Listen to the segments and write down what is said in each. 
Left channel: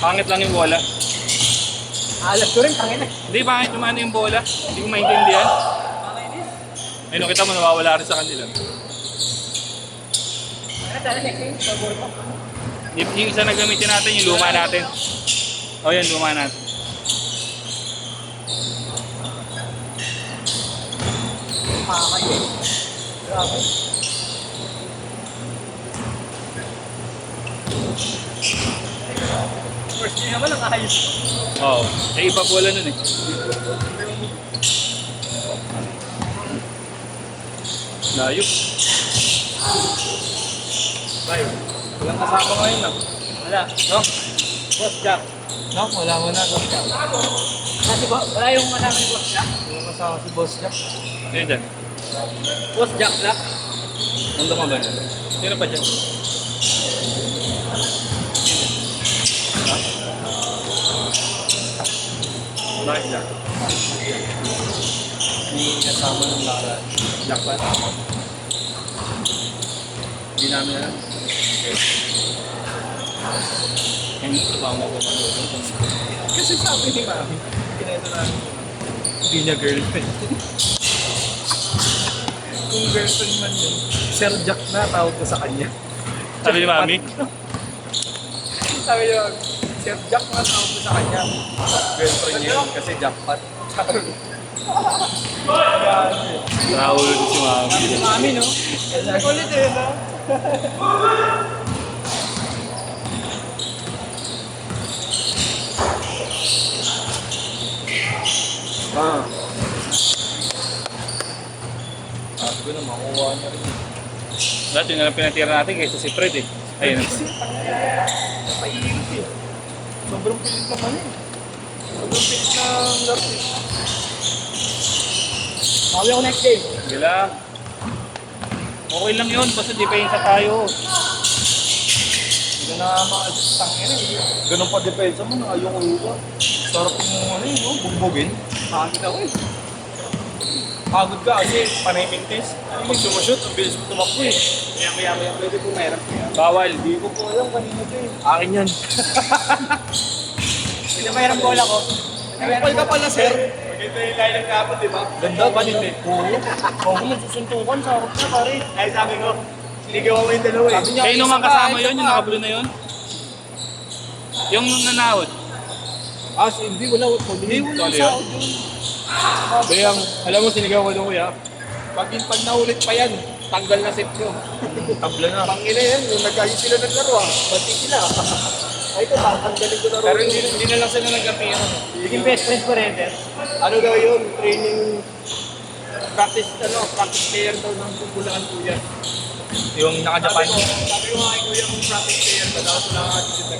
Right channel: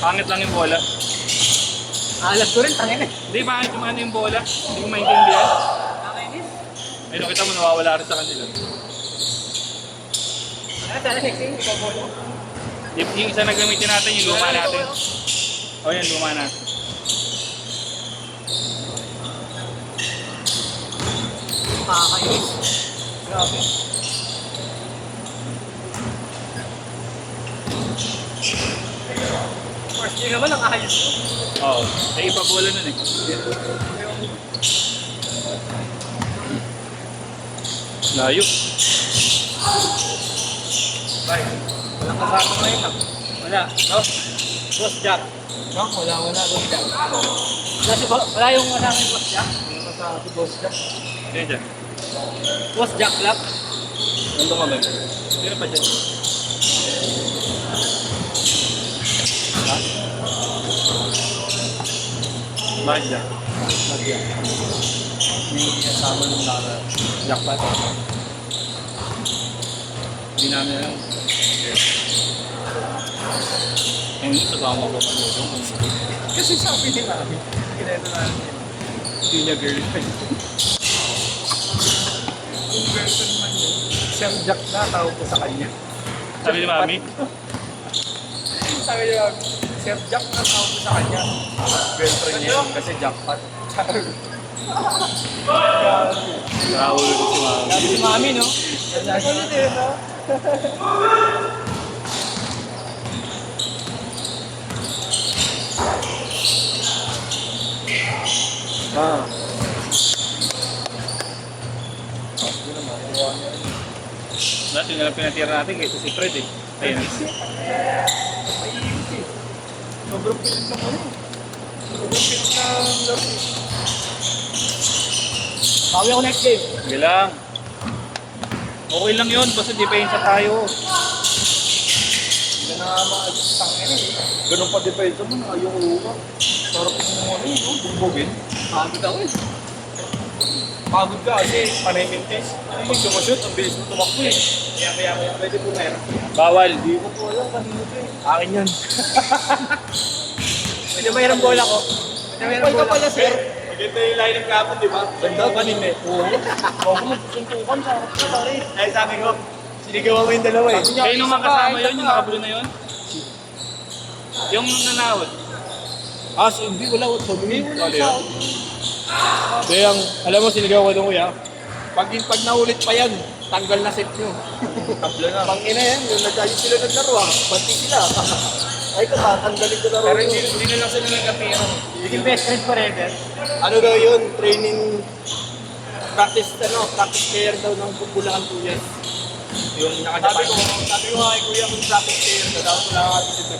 Pangit lang yung bola. Alam ko rin, tangin eh. Hindi, pangit yung ano yung bola. Hindi ko maintindihan. Ayun, nakita mo, nawawala rin sa kanila. Yung isa na gamitin natin, yung luma natin. O yan, luma natin. Makakayos. Grabe. First thing naman, nakakayos ko. Oo. Eh, iba bola nun eh. Layo. Bye. Walang kasama ngayon ah. Wala. No? Cross jack. No? Wala muna. Cross jack. Wala si Boss? Wala yung kasama si Cross jack? Yung kasama si Boss Jack. Ayun dyan. Boss Jack Black? Nandun ka ba? Sino pa dyan? Ha? Bakit dyan? May kasama ng Lara. Jack pa. Hindi namin alam. Okay. Ayun, kasama ko. Kasi sabi ni Mami, kinento namin yun. Hindi niya girlfriend. Kung girlfriend man yun, Sir Jack na tawag ko sa kanya. Sabi ni Mami? Sabi niya, Sir Jack na tawag ko sa kanya. Girlfriend niya yun kasi jackpot. Nakahulog ko si Mami. Si Mami, no? Kulit eh, no? Ah. Sabi ko na makuha niya rin. Dati na lang pinatira natin kaysa si Fred eh. Ayun. Mahirap eh. Sobrang pilit ng ano eh. Sobrang pilit ng laro eh. Sabi ako next game. Sige lang. Okay lang yun, basta depensa tayo. Hindi na ma-adjust ang ere eh. Ganun pa depensa mo na ayaw ko yun. Sarap yung ano eh, no? Bugbugin. Pagod ako eh. Pagod ka kasi panay mintis. Pag sumushoot, ang bilis mo tumakbo eh. Kaya pwede po meron. Bawal. Hindi ko po alam kanina ito eh. Akin yan. Pwede mayroong bola ko. Kapal ka pala sir. Ito yung line ng kapon, di ba? Ganda pa din eh. Oo. Huwag mo susuntukan sa harap ko, pare. Ay, sabi ko, sinigawan mo yung dalawa eh. Sabi niya, Kayo isa naman pa, kasama isa yun, yung pa. nakablo na yun? Yung nanahod. So hindi, wala. Hindi, wala Ano sa yun? Kaya, alam mo, sinigaw ko doon kuya. Pag naulit pa yan, tanggal na set nyo. Tabla na. Pangina yan, yung nag-ayos sila naglaro ah. Pati sila. Ay ko ba, tanggalin ko laro. Pero hindi na lang sila nagkapiran. Yung best friends pa rin yan. Ano daw yun, training, practice player daw ng Bulangan Kuya. Yung naka-Japan. Sabi ko nga kay Kuya, kung practice player ka dapat wala ka dito.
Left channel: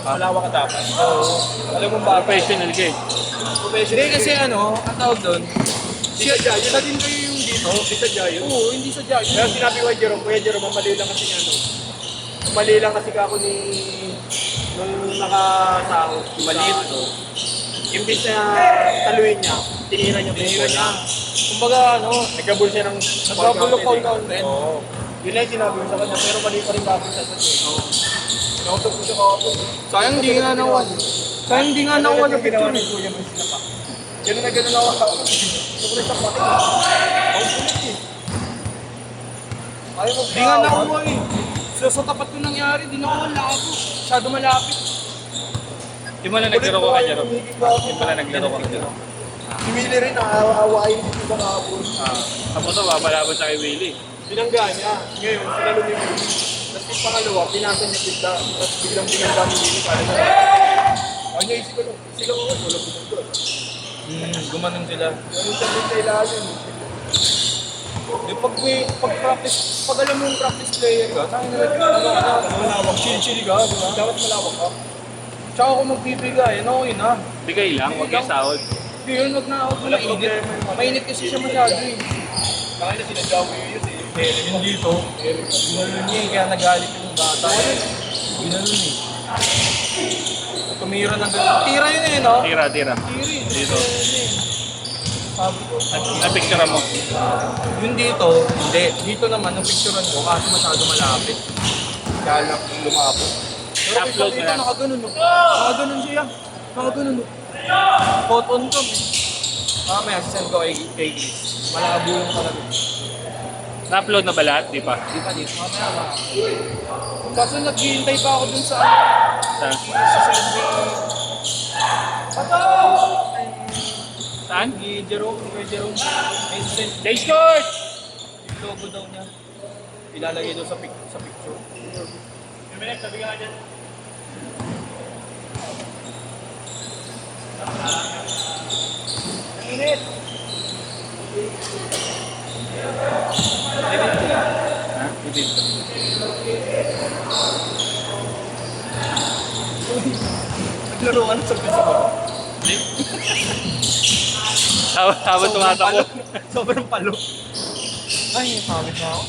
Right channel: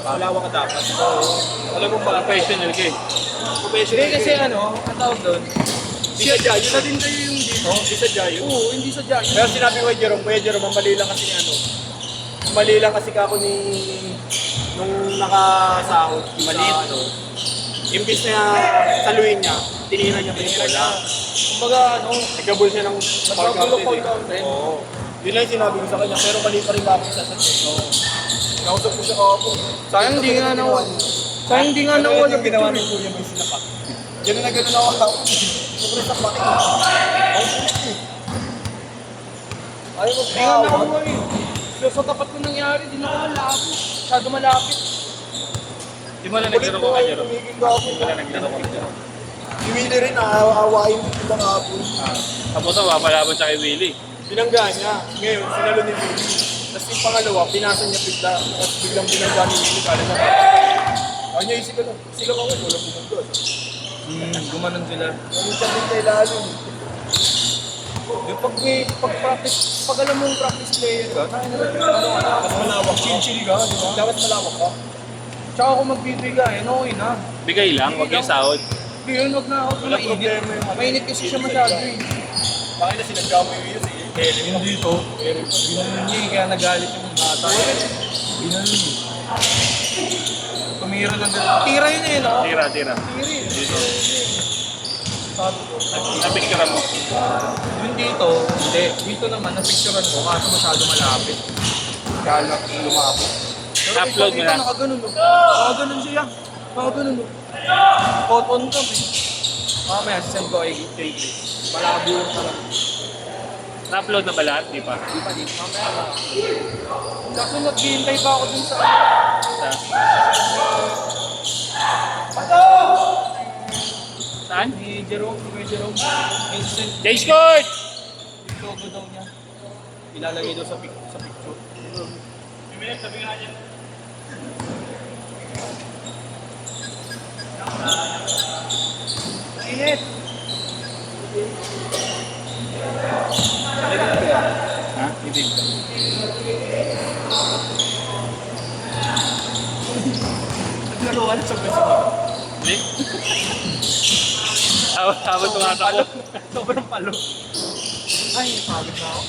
Malawa ka dapat. Alam mo ba? Professional ka eh. Hindi kasi ano, ang tawag doon, isa din kayo yung dito. Hindi sa Jayo. Oo, hindi sa Jayo. Pero sinabi ko kay Jerome, Kuya Jerome, ang mali lang kasi ano, mali lang kasi kako ni nung nakasahod, maliit. Imbis na saluhin niya, tinira niya pa yung bola. Kumbaga ano, nagkabul siya ng fall counter. Oo. Yun lang yung sinabi ko sa kanya, pero mali pa rin dapat sa set. Oo. Nausap ko siya kahapon. Sayang hindi nga nakuha. Sayang hindi nga nakuha na picture. Ginawa ng kuya mo yung sinaka. Ganun na ganun ako ako. Sobrang sakit. Ayaw mo Hindi nga nakuha eh. So sa tapat ko nangyari, di nakawala ako. Masyado malapit. Di mo na naglaro ka kay Jero? Di mo na naglaro ka kay Jero? Si Willie rin, aawain din sila kahapon. Tapos ito, papalaban siya kay Willie. Binangga niya. Ngayon, sinalo ni Willie. Tapos yung pangalawa, pinasa niya bigla. Tapos biglang binangga ni Willie. Paano mo? Ayaw niya isip ko lang. Sila ka ko, wala binangga. Gumanon sila. Ganito din kailangan yun. Pag practice, pag alam mong practice player ka, tayo na lang chill-chill ka, di ba? Dapat malawak ka. Tsaka kung magbibigay, okay na. Bigay lang, huwag yung sahod. Hindi yun, wag na mainit. Mainit kasi siya masyado eh. Bakit na sinadya mo yun Yung dito, ginanon niya eh, kaya nagalit yung bata. Ginanon eh. Tumira ng gano'n. Tira yun eh, no? Tira. Tira eh. Dito. Sabi ko. Napicture mo. Yung dito, hindi. Dito naman, napicturean ko, kaso masyado malapit. Kaya lang lumabot. So Pero Upload mo kita na. nakaganon, no? Nakaganon siya. Nakaganon, no? Photon cam, eh. Mamaya, sisend ko kay Grace. Malabo yung talaga. Na-upload na ba lahat? Di pa. Di pa dito. Mamaya, kaso naghihintay pa ako dun sa Saan? Saan? ni Jerome, ni Kuya Jerome. May sisend J-Scott! yung logo daw niya. Ilalagay daw sa picture. Sabi ka dyan. Init! Ha? Ibig ka. Naglaro ka na sa pwede ko. Hindi. Habang tumatakbo. Sobrang palo. Ay, pangit na ako.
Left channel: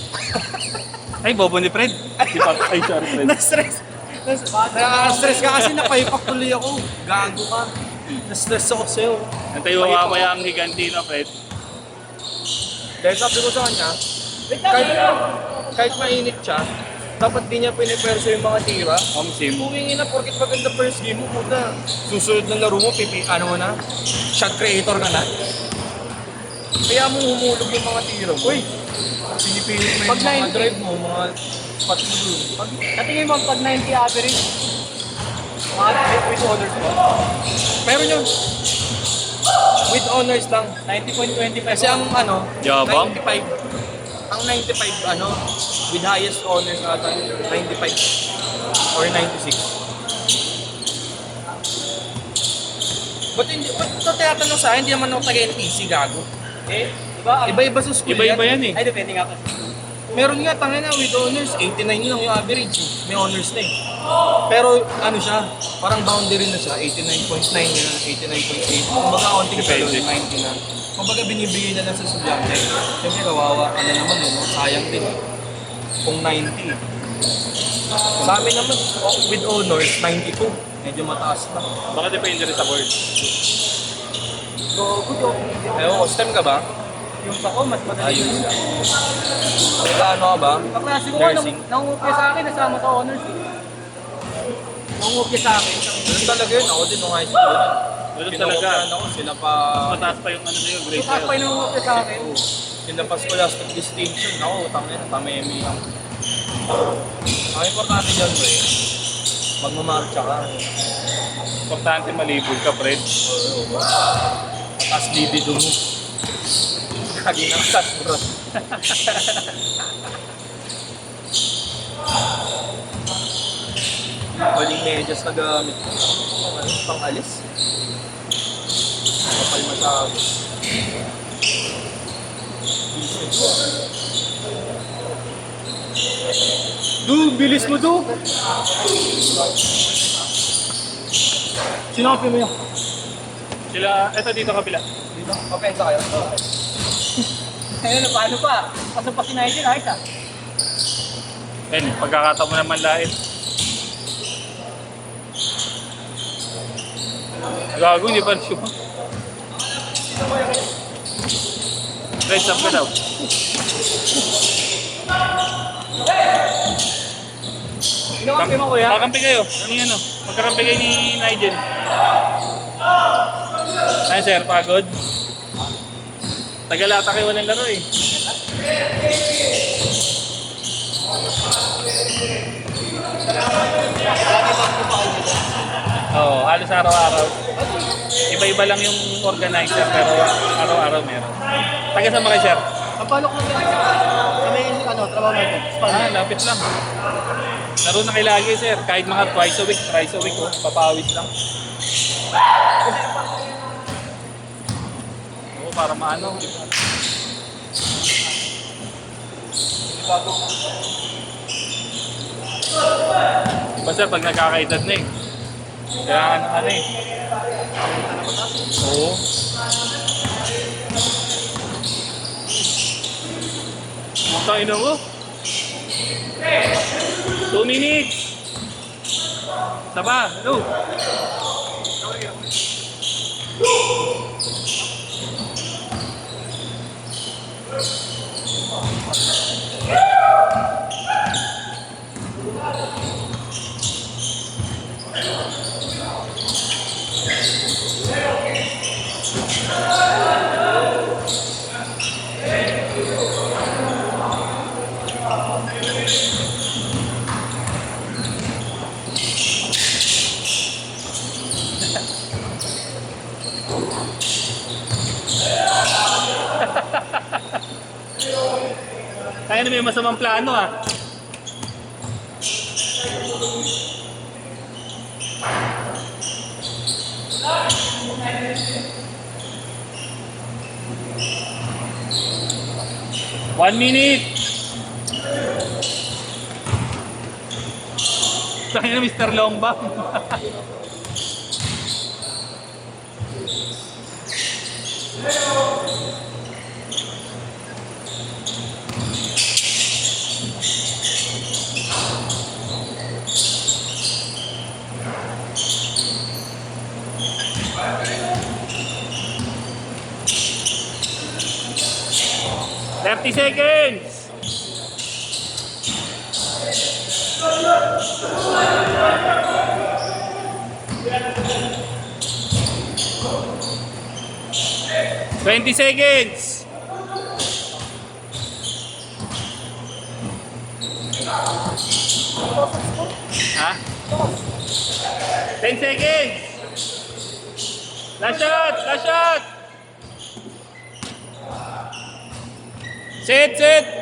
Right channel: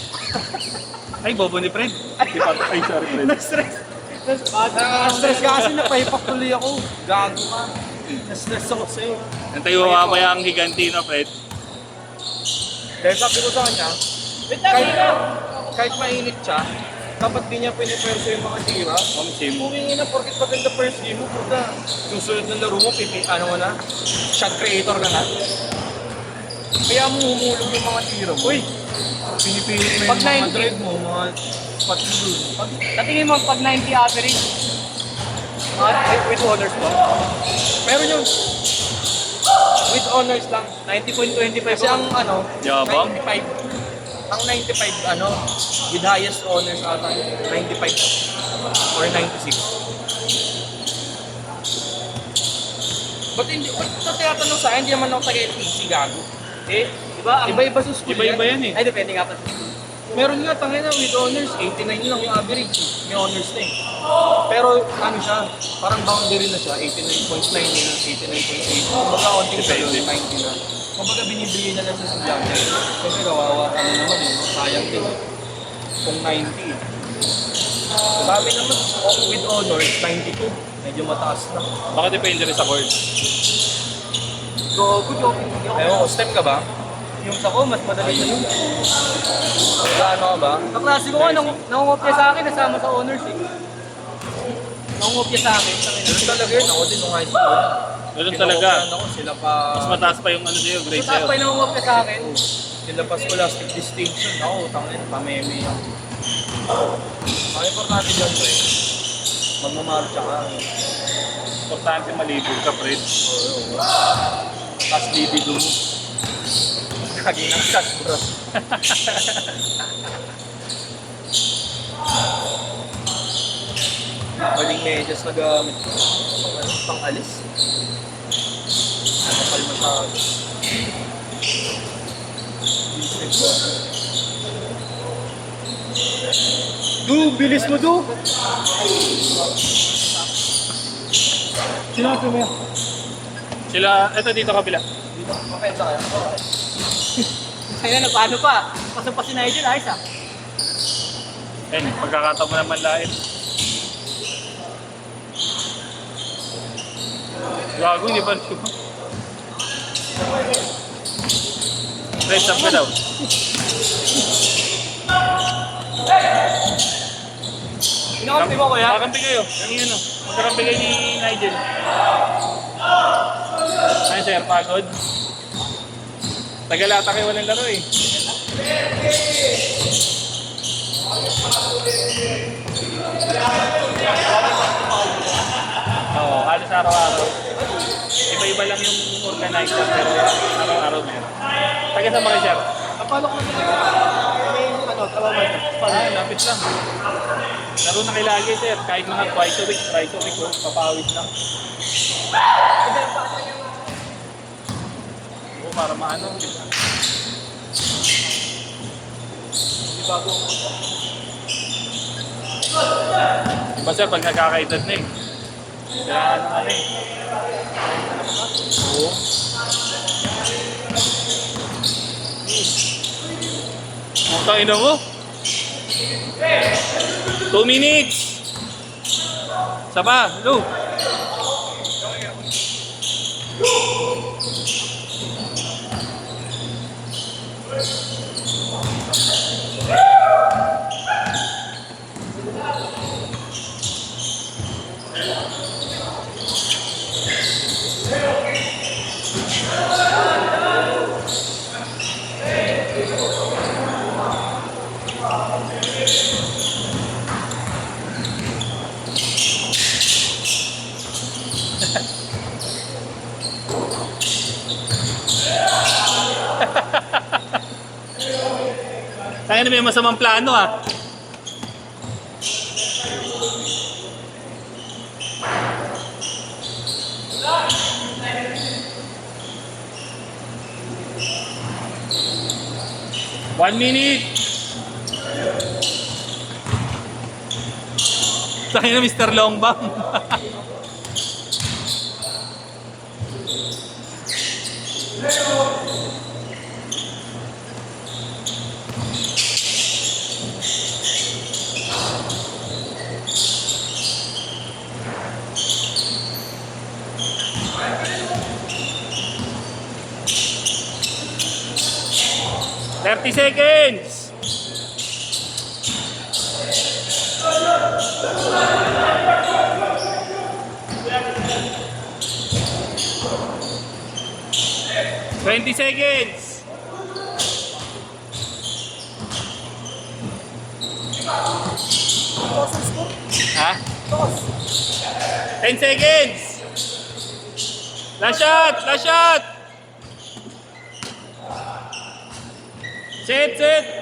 Ay, bobo ni Fred. Di pa. Ay, sorry Fred. Na-stress. Na-stress ka kasi napahipak tuloy ako. Gago ka. Na-stress ako sa'yo. Antay mo mamaya ang higanti na Fred. Dahil sabi ko sa kanya, kahit mainit siya, dapat di niya piniperso yung mga tira. Same. Tumingin na, porkit maganda first game mo, puta. Susunod ng laro mo, shot creator ka na. Kaya mo humulog yung mga tira mo. Uy! Pinipilit mo yung mga drive mo, mga spot mo dun. Tatingin mo pag 90 average, With honors ba? Meron yung with honors lang. 90.25 Kasi ang Yabang? 95. Ang 95, with highest honors ata, 95 or 96. Ba't ito tinatanong sa akin, hindi naman ako taga-NTC, gago. eh, di ba? Iba-iba sa school Iba-iba yan eh. Ay, depende nga pa. Meron nga, tangin na, with honors, 89 lang yung average eh. May honors na eh. Pero ano siya, parang boundary na siya, 89.9 na, 89.8. Kung baka konting sa Depende. 90 na. Kumbaga binibigay na lang sa estudyante. Siyempre kawawa ka na naman eh, sayang din eh. Kung 90 eh. Sa amin naman, with honors, 92. Medyo mataas na. Baka depende rin sa board. So, video. Ayaw ko, STEM ka ba? Yung sa ko, mas madali. Ayun. Nag-ano ka ba? Kaklase ko, Nursing. nangungopya sa akin, nasama sa honors eh. Nangungopya sa akin. Ganun talaga yun, ako din nung high school. Ganun talaga. Kinokopyahan ako, sila pa... Mas mataas pa yung ano sa'yo, grade Kasi sa'yo. pa yung nangungopya sa akin. Sila pa scholastic distinction. Ako, tangin, pameme ako. Ang importante dyan, pre, magmamarcha ka. Importante malibog ka, Fred. Tapos libido mo. Kagi ng shot, bro. Maling medyas na gamit ko. Pang-alis. Kapal masyado. Bilis mo, Du! Sinabi mo yan. Sila, eto dito kabila. Dito, mapensa kayo. Kaya na, paano pa? Pasok pa si Nigel, ayos ah. Ayun, pagkakataon mo naman lahit. Gago, hindi pa siya. Fred, stop ka daw. Sinabi mo ko yan. Kakampi kayo. Ano yan o? Magkakampi kayo ni Nigel. Ay sir, pagod. Tagalata kayo walang laro eh. Oo, halos araw-araw. Iba-iba lang yung organizer pero araw-araw meron. Taga sa mga sir? Paano ko na may trabaho mo ito? Lapit lang. Laro na kayo lagi sir, kahit mga twice a week oh, papawid lang. Oo, para maano, di ba? Diba sir, pag nagkakaedad na eh. Kailangan ng ano eh. Oo. Ang tangina mo. 2 minutes. Isa pa, go. Tayo na may masamang plano ah. One minute. Tayo na Mr. Longbang. Thirty seconds. Twenty seconds. Ha? 10 seconds. Last shot, last shot. Set, set.